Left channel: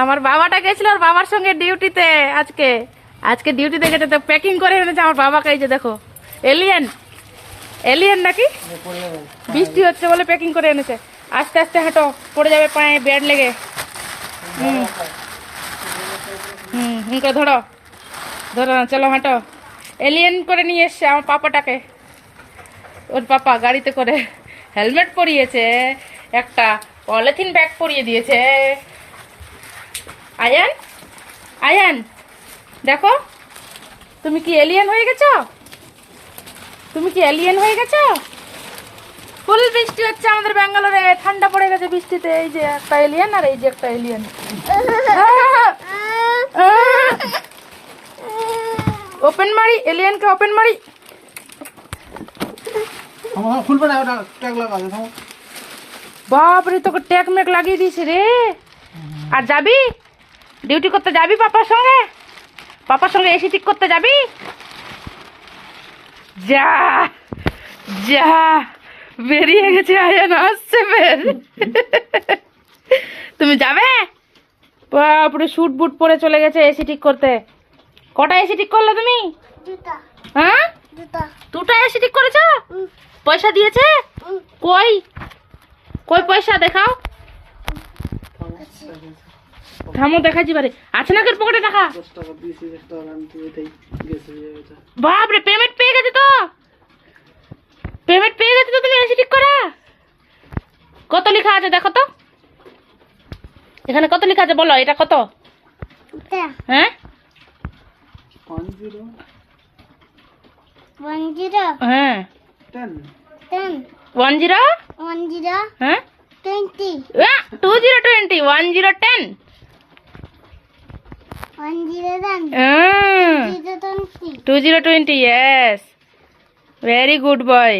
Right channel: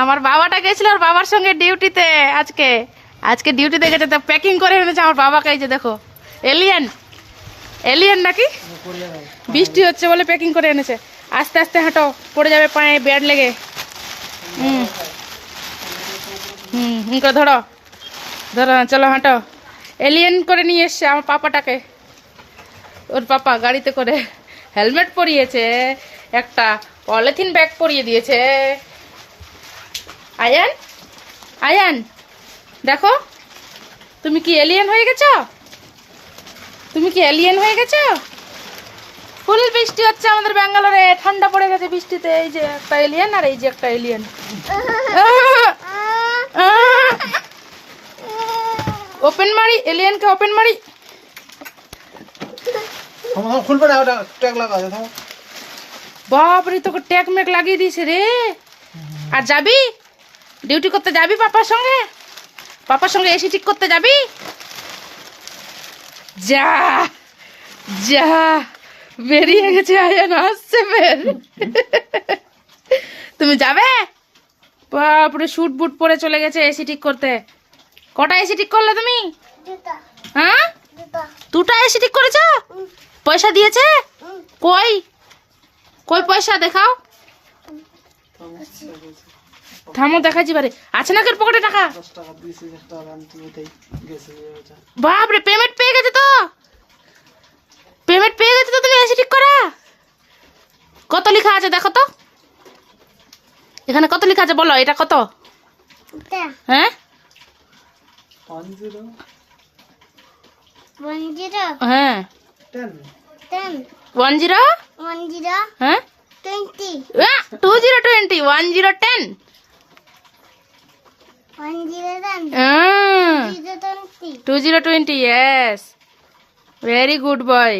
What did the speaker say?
আমার বাবাটা গেছিল ওর বাবার সঙ্গে ডিউটিতে আজকে আজকে ডিউটিতে গেছে তো প্যাকিং করে এনেছে আমার বাবাকে। এই যে দেখো এলিয়েন এলিয়েন নাকি বৃষ্টি হচ্ছে বলে প্যাকিং করে এনেছে। আস্তে আস্তে হাঁটো, পড়ে যাবে পায়ে ব্যাড লেগে। হুম করে ধরো ধরো, চলো হাঁটো। এলিয়েন করে নিয়ে এসছে আমার পাপাটাকে, ওর পাপা গাড়িতে করে। হেলমেট পরিয়েছে, একটা পলিথিন ব্যাগ পরিয়ে দিয়েছে। আয়ান আয়ান দেখো, তুমি কি এলিয়েন হয়ে গেছো? তুমি কি এলিয়েন হয়ে গেছো? ফুল বৃষ্টি হচ্ছে আমাদের ব্যাঙ্গালোরে, ঠান্ডা পড়ে গেছে বৃষ্টিতে। এই যে একটা এলিয়েন আর এই যে একটা এলিয়েন। ওপেন মারি এলিয়েনকে, ওপেন মারি। খুলবে না, ওটা ট্যাগ লাগা দে। বাপরে, তোকে ট্যাগ ম্যাগ লাগিয়ে দিয়েছে রে। আর যাবি ডিউটি করতে? যাবি পাপার সঙ্গে? পাপার সঙ্গে এসি ঠিক করতে যাবি? যা যা, বেরিয়ে গেছে আয়ান, আসছে ফের। তুমি যাবে? বাপরে, শুট বুট পরে চলে গেছে এসি ঠিক করতে। কটা এসি ঠিক করলে তুমি? হ্যাঁ, দুটা এসি ঠিক করেছো? পয়সা দিয়েছে? কই কই পয়সা দেখাও। থামো, দেখাচ্ছি বারে। আছে না তোর পকেটে টাকা? বাপরে, পেমেন্ট পেয়ে গেছে তো, পেমেন্ট পেয়ে গেছে তো। তুমি এসি ঠিক করা কত লেখা আছে দেখো তো, এখানে কত লেখা আছে বলো, এটা কত? হ্যাঁ 10 হ্যাঁ 10 10 হ্যাঁ 20 2020 1010 2020 yes, very good boy.